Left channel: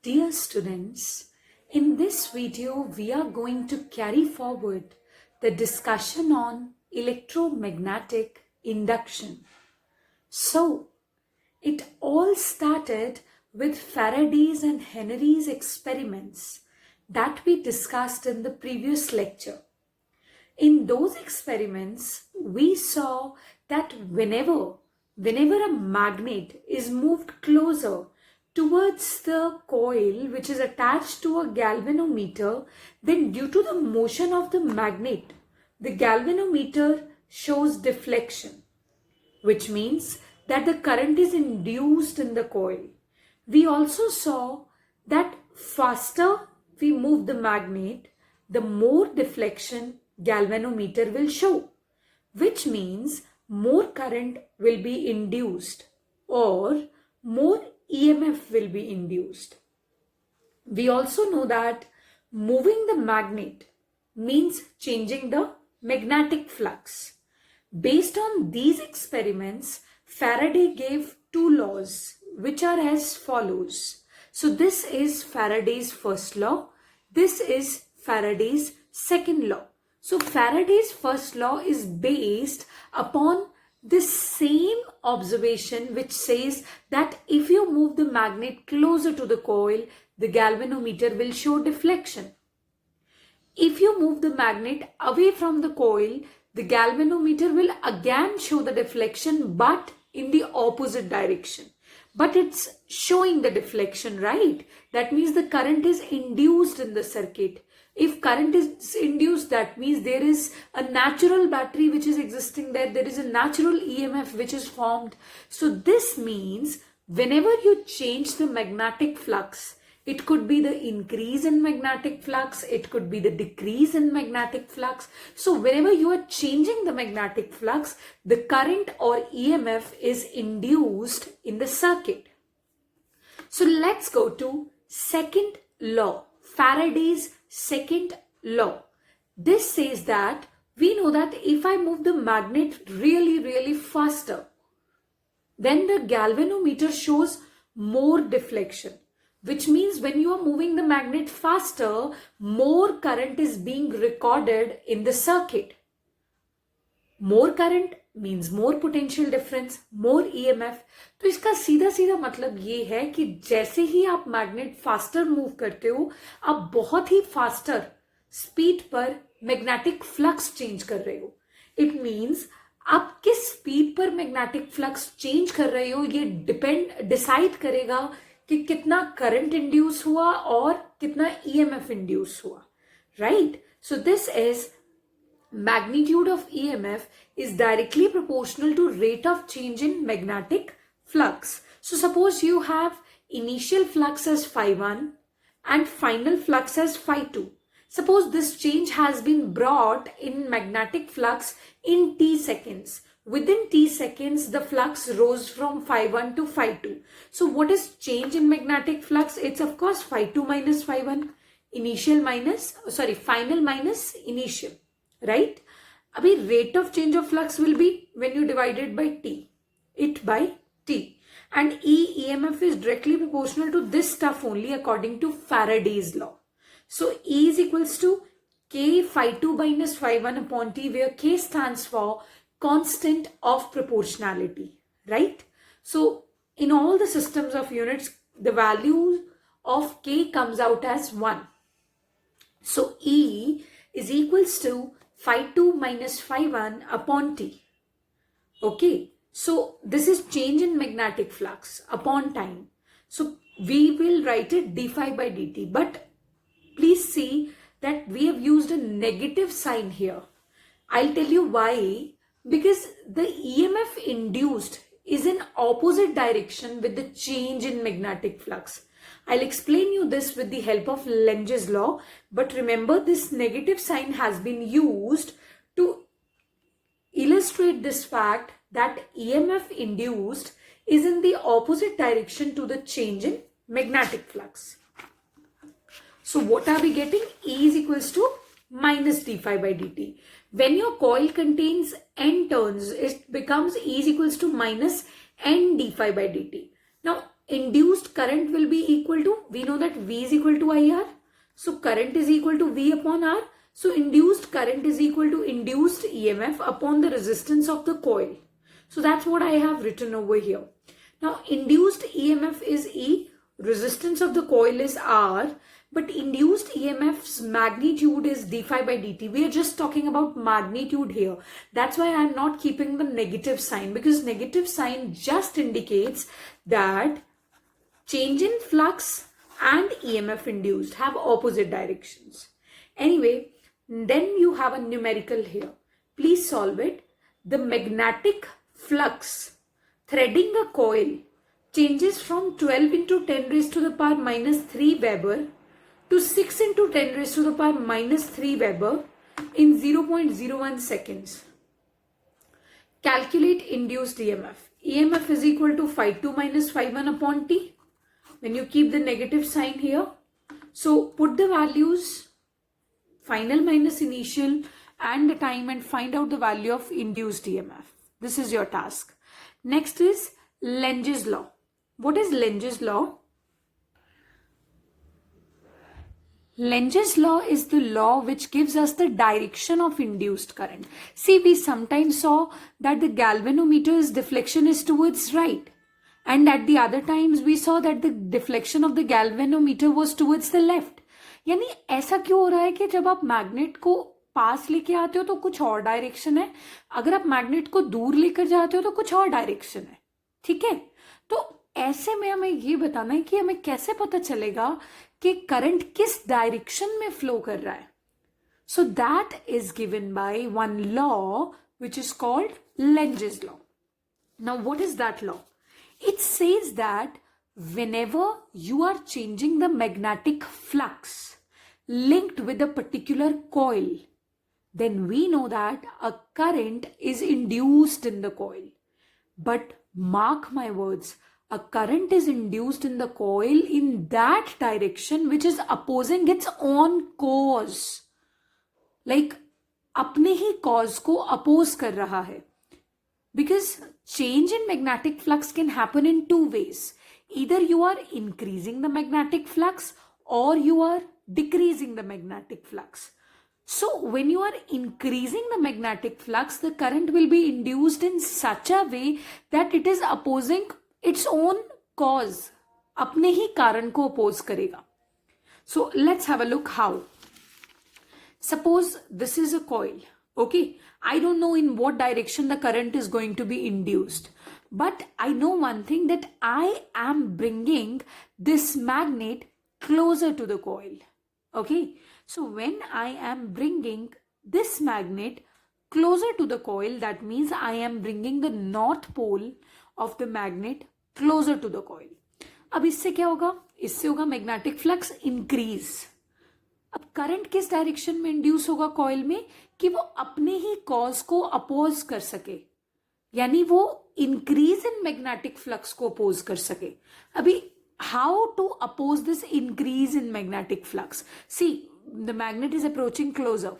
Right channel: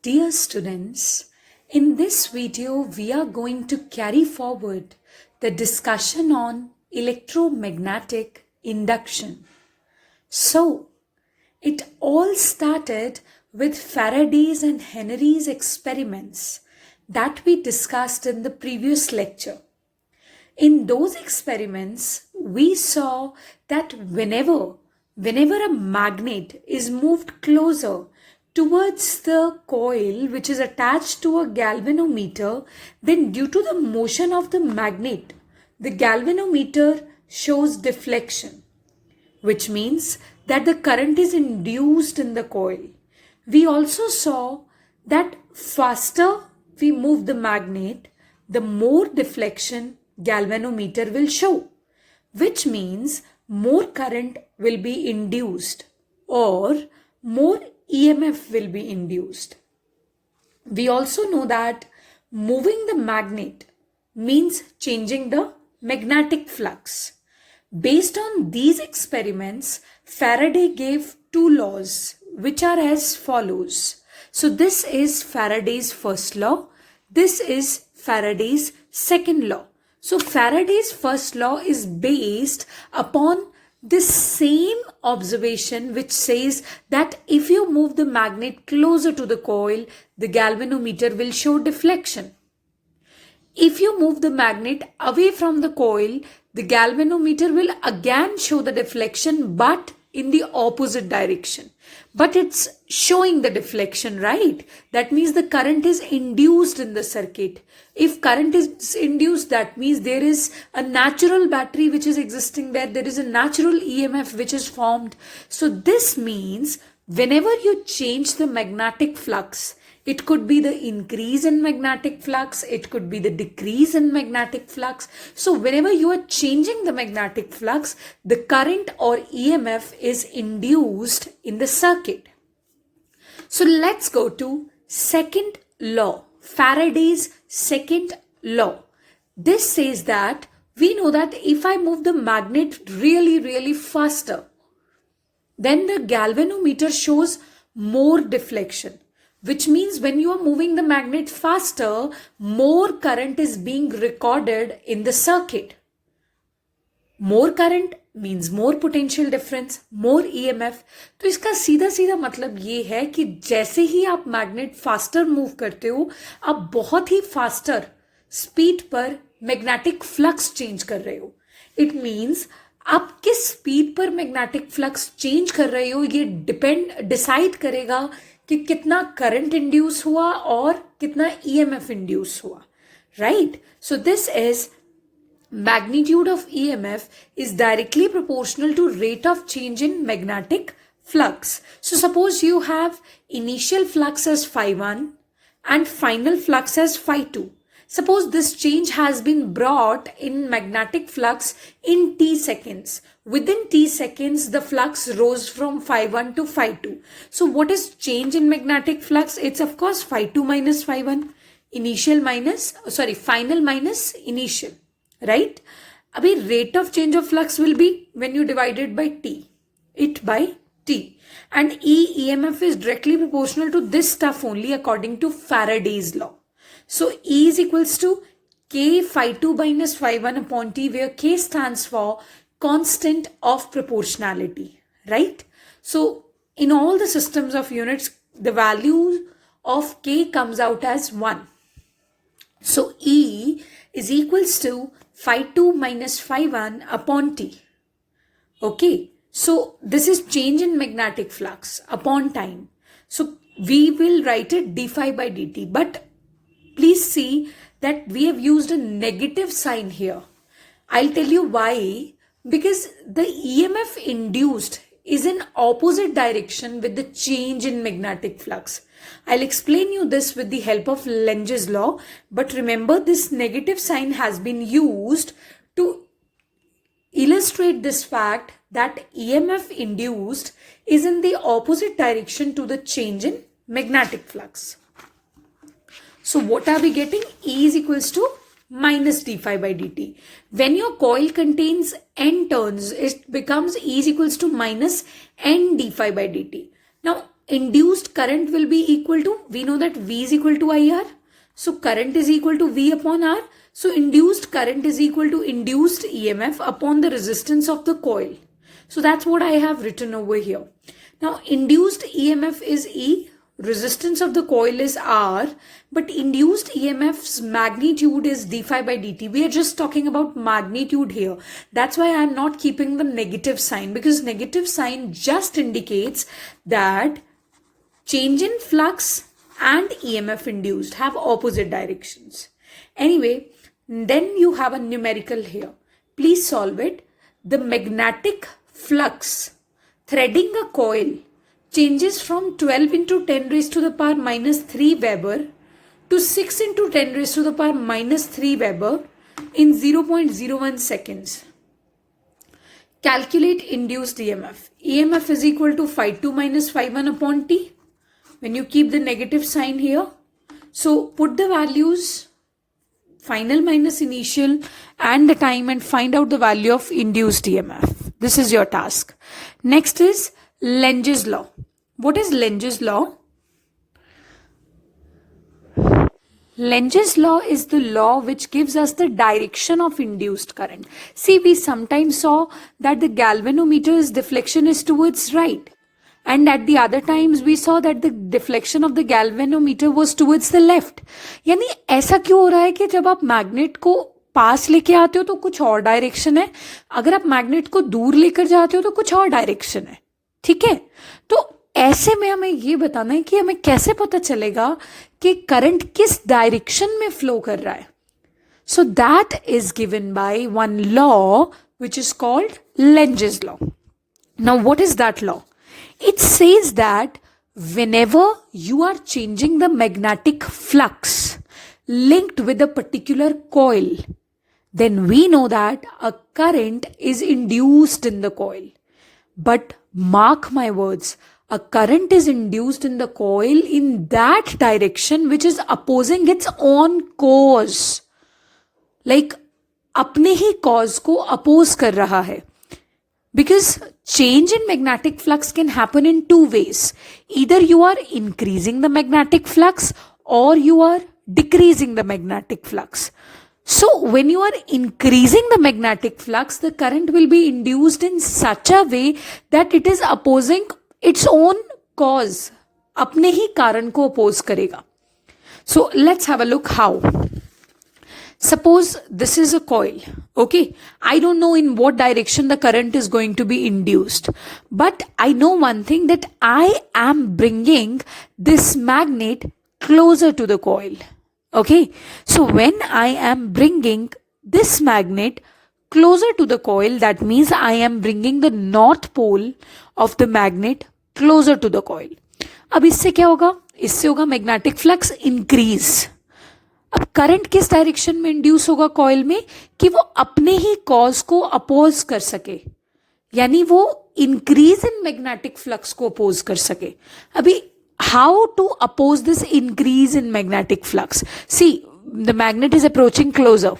Dear students, in this video we are going to carry forward the discussion on electromagnetic induction. So, it all started with Faraday's and Henry's experiments that we discussed in the previous lecture. In those experiments, we saw that whenever a magnet is moved closer towards the coil which is attached to a galvanometer, then due to the motion of the magnet, the galvanometer shows deflection, which means that the current is induced in the coil. We also saw that faster we move the magnet, the more deflection galvanometer will show, which means more current will be induced or more EMF will be induced. We also know that moving the magnet means changing the magnetic flux. Based on these experiments, Faraday gave two laws which are as follows. So this is Faraday's first law. This is Faraday's second law. So Faraday's first law is based upon this same observation which says that if you move the magnet closer to the coil, the galvanometer will show deflection. If you move the magnet away from the coil, the galvanometer will again show the deflection but in the opposite direction. But it's showing the deflection, right? That means the current is induced in the circuit. If current is induced, that means there is a natural battery which is existing there. There is a natural EMF which is formed. So this means whenever you change the magnetic flux, it could be the increase in magnetic flux, it could be the decrease in magnetic flux. So whenever you are changing the magnetic flux, the current or EMF is induced in the circuit. So let's go to second law, Faraday's second law. This says that we know that if I move the magnet really faster, then the galvanometer shows more deflection, which means when you are moving the magnet faster, more current is being recorded in the circuit. More current means more potential difference, more EMF. तो इसका सीधा सीधा मतलब ये है कि जैसे ही आप मैग्नेट फास्टर मूव करते हो, आप बहुत ही फास्टर स्पीड पर मैग्नेटिक फ्लक्स चेंज कर रहे हो. इट मीन्स आप किस स्पीड पर मैग्नेटिक फ्लक्स चेंज कर रहे हो ये डिसाइड करेगा कि कितना करंट इंड्यूस हुआ और कितना EMF इंड्यूस हुआ, right? So this is magnitude of EMF is directly proportional to rate of change in magnetic flux. So suppose you have initial flux as phi1 and final flux as phi2. Suppose this change has been brought in magnetic flux in t seconds. Within t seconds, the flux rose from phi1 to phi2. So what is change in magnetic flux? It's of course phi2 minus phi1. Final minus initial. Right? Abhi rate of change of flux will be when you divide it by t. And EMF is directly proportional to this stuff only according to Faraday's law. So E is equals to K phi2 minus phi1 upon T, where K stands for constant of proportionality. Right? So in all the systems of units, the value of K comes out as 1. So E is equals to phi2 minus phi1 upon T. Okay, so this is change in magnetic flux upon time. So we will write it d phi by dt. But please see that we have used a negative sign here. I'll tell you why. Because the EMF induced is in opposite direction with the change in magnetic flux. I'll explain you this with the help of Lenge's law, but remember this negative sign has been used to illustrate this fact that EMF induced is in the opposite direction to the change in magnetic flux. So what are we getting? E is equals to minus d phi by dt. When your coil contains n turns, it becomes E is equals to minus n d phi by dt. Now induced current will be equal to, we know that V is equal to IR. So current is equal to V upon R. So induced current is equal to induced EMF upon the resistance of the coil. So that's what I have written over here. Now induced EMF is E, resistance of the coil is R, but induced EMF's magnitude is d phi by dt. We are just talking about magnitude here. That's why I am not keeping the negative sign, because negative sign just indicates that change in flux and EMF induced have opposite directions. Anyway, then you have a numerical here. Please solve it. The magnetic flux threading a coil changes from 12 into 10 raised to the power minus 3 Weber to 6 into 10 raised to the power minus 3 Weber in 0.01 seconds. Calculate induced EMF. EMF is equal to phi2 minus phi1 upon t. When you keep the negative sign here, so put the values, final minus initial and the time, and find out the value of induced EMF. This is your task. Next is Lenge's law. What is Lenge's law? Lenge's law is the law which gives us the direction of induced current. See, we sometimes saw that the galvanometer's deflection is towards right. And at the other times we saw that the deflection of the galvanometer was towards the left. यानी ऐसा क्यों हो रहा है कि जब आप magnet को पास लेके आते हो तो कुछ और डायरेक्शन है, अगर आप मैग्नेट को दूर लेकर जाते हो तो कुछ और डायरेक्शन है. ठीक है, तो ऐसे में हमें ये बताना है कि हमें कैसे पता चलेगा कि करंट किस डायरेक्शन में फ्लो कर रहा है. So that is given by one law which is called Lenge's law. Now what is that law? It says that whenever you are changing the magnetic flux linked with a particular coil, then we know that a current is induced in the coil. But mark my words, a current is induced in the coil in that direction which is opposing its own cause. Like अपने ही cause को oppose कर रहा है. Because change in magnetic flux can happen in two ways. Either you are increasing the magnetic flux or you are decreasing the magnetic flux. So when you are increasing the magnetic flux, the current will be induced in such a way that it is opposing its own cause. अपने ही कारण को oppose करेगा. So let's have a look how. Suppose this is a coil, okay? I don't know in what direction the current is going to be induced, but I know one thing, that I am bringing this magnet closer to the coil, okay? So when I am bringing this magnet closer to the coil, that means I am bringing the north pole of the magnet closer to the coil. अब इससे क्या होगा? इससे होगा magnetic flux increase. अब current किस direction में induce होगा कॉइल में कि वो अपने ही कॉज को अपोज कर सके, यानी वो इंक्रीज इन मैग्नेटिक फ्लक्स को अपोज कर सके. अभी how to oppose this increase in magnetic flux? See, the magnet is approaching closer,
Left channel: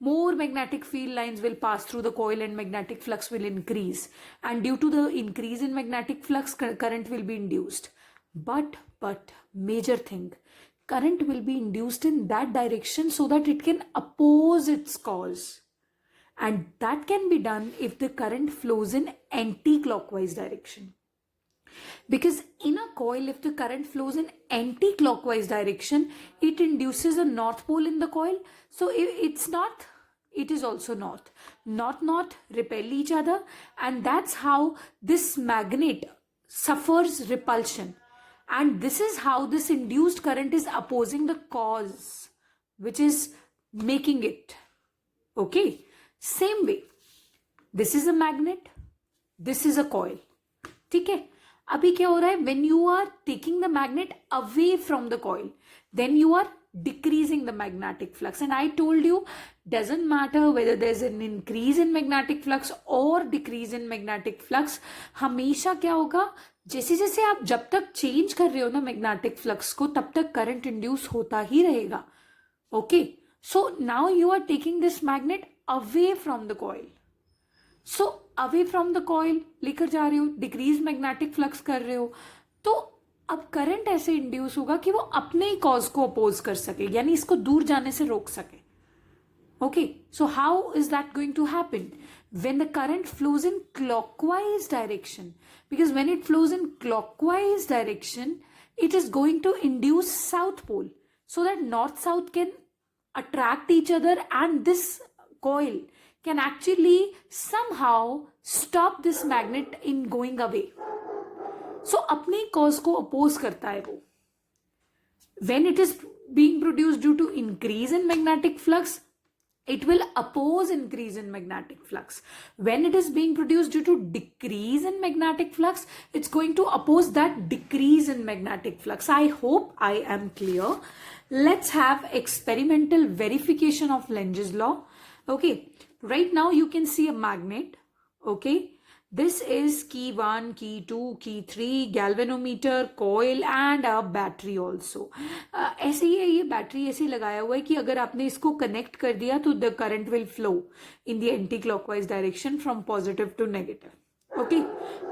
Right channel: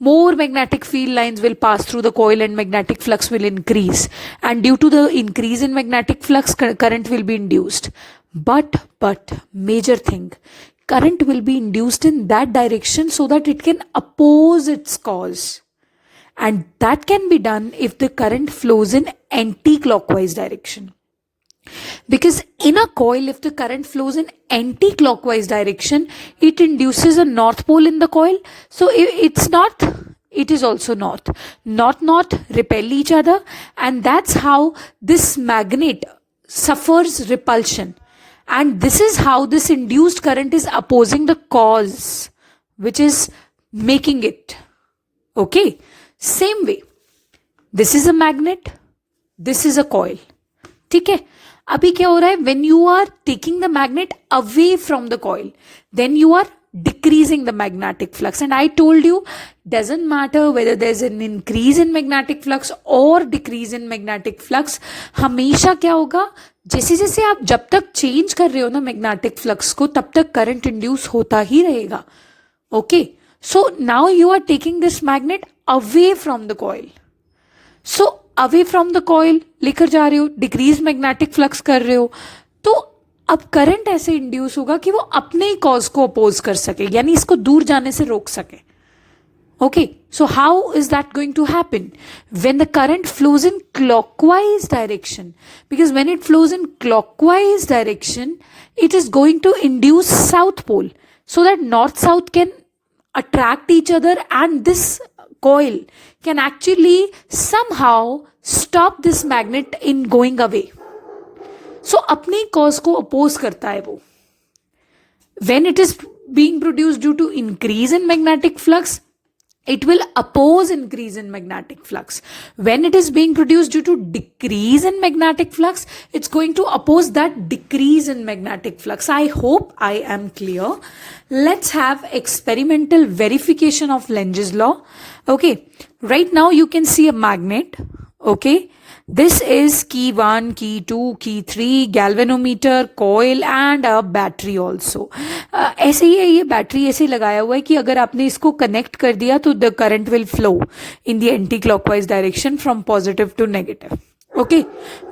more magnetic field lines will pass through the coil and magnetic flux will increase, and due to the increase in magnetic flux current will be induced. But major thing, current will be induced in that direction so that it can oppose its cause, and that can be done if the current flows in anti-clockwise direction. Because in a coil, if the current flows in anti-clockwise direction, it induces a north pole in the coil. So it's not, it is also north. North repel each other, and that's how this magnet suffers repulsion. And this is how this induced current is opposing the cause, which is making it. Okay. Same way, this is a magnet, this is a coil. ठीक है. अभी क्या हो रहा है? When you are taking the magnet away from the coil, then you are decreasing the magnetic flux. And I told you, doesn't matter whether there's an increase in magnetic flux or decrease in magnetic flux, हमेशा क्या होगा, जैसे जैसे आप जब तक change कर रहे हो ना मैग्नेटिक फ्लक्स को, तब तक करंट इंड्यूस होता ही रहेगा. Okay, so now you are taking this magnet away from the coil. So away from the coil लेकर जा रहे हो, डिक्रीज मैग्नेटिक फ्लक्स कर रहे हो, तो अब करंट ऐसे इंड्यूस होगा कि वो अपने ही कॉज को अपोज कर सके, यानी इसको दूर जाने से रोक सके. Okay, so how is that going to happen? When the current flows in clockwise direction, because when it flows in clockwise direction, it is going to induce south pole, so that north south can attract each other, and this coil can actually somehow stop this magnet in going away. So अपने cause को oppose करता है वो. When it is being produced due to increase in magnetic flux, it will oppose increase in magnetic flux. When it is being produced due to decrease in magnetic flux, it's going to oppose that decrease in magnetic flux. I hope I am clear. Let's have experimental verification of Lenge's law. Okay, right now you can see a magnet. Okay, this is key 1, key 2, key 3, galvanometer, coil and a battery also. ऐसे ही है, ये battery ऐसे लगाया हुआ है कि अगर आपने इसको कनेक्ट कर दिया तो the current will flow in the anti clockwise direction from positive to negative. Okay,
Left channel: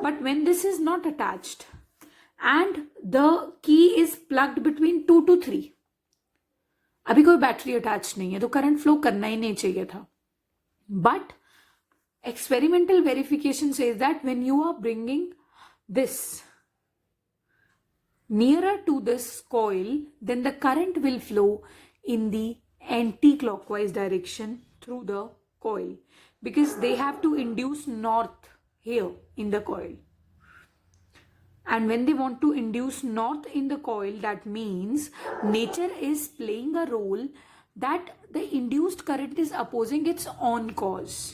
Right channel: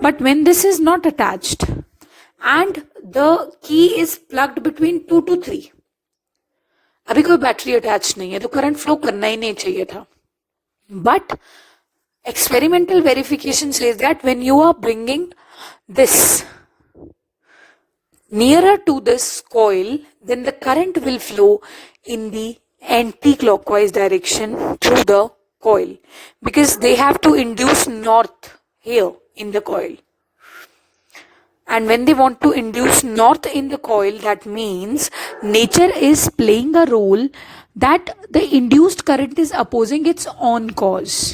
but when this is not attached and the key is plugged between 2 to 3, अभी कोई बैटरी अटैच नहीं है तो करंट फ्लो करना ही नहीं चाहिए था. But experimental verification says that when you are bringing this nearer to this coil, then the current will flow in the anti-clockwise direction through the coil, because they have to induce north here in the coil. And when they want to induce north in the coil, that means nature is playing a role that the induced current is opposing its own cause.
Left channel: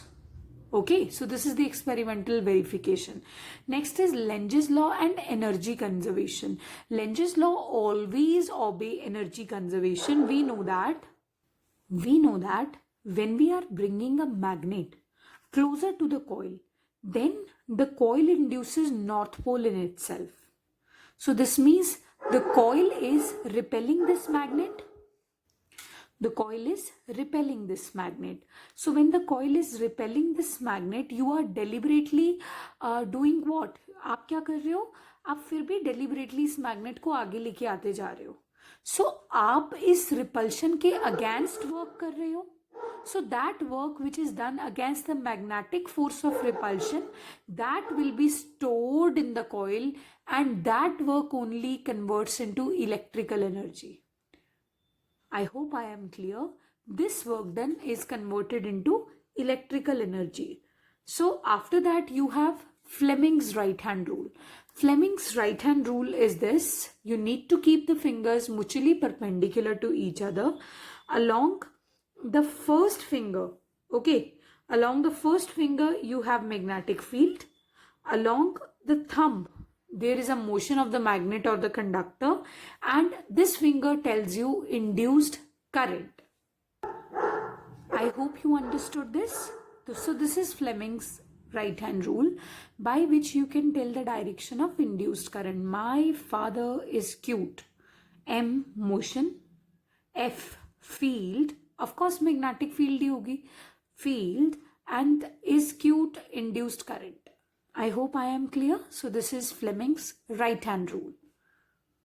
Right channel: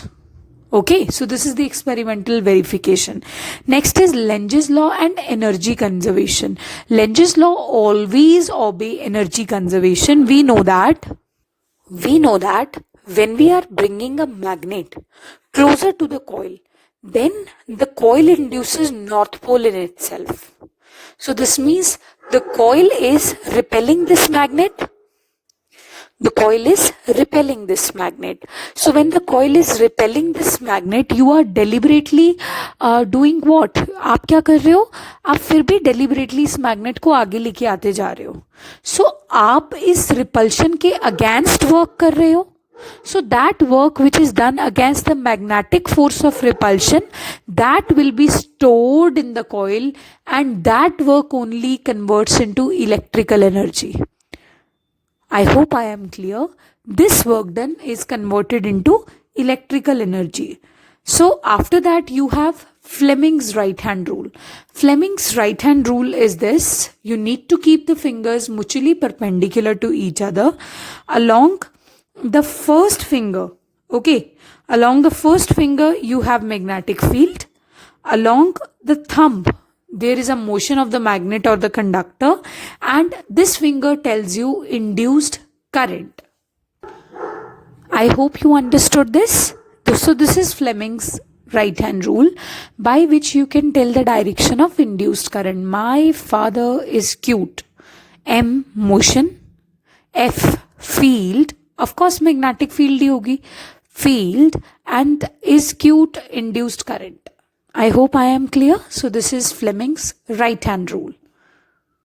Okay, so this is the experimental verification. Next is Lenge's law and energy conservation. Lenge's law always obey energy conservation. We know that when we are bringing a magnet closer to the coil, then the coil induces north pole in itself. So this means the coil is repelling this magnet. The coil is repelling this magnet. So when the coil is repelling this magnet, you are deliberately doing what? आप क्या कर रहे हो? आप फिर भी deliberately इस magnet को आगे लेके आते जा रहे हो. So आप इस repulsion के against work कर रहे हो. So that work which is done against the magnetic force of repulsion, that will be stored in the coil, and that work only converts into electrical energy. I hope I am clear. This work done is converted into electrical energy. So after that you have Fleming's right hand rule. Fleming's right hand rule is this: you need to keep the fingers mutually perpendicular to each other. Along the first finger, okay, along the first finger you have magnetic field. Along the thumb there is a motion of the magnet or the conductor, and this finger tells you induced current. I hope you understood this. So this is Fleming's right hand rule, by which you can tell the direction of induced current. My father is cute. M motion, F field, of course magnetic field hi hogi, field, and is cute induced current. I hope I am clear. So this is Fleming's right hand rule.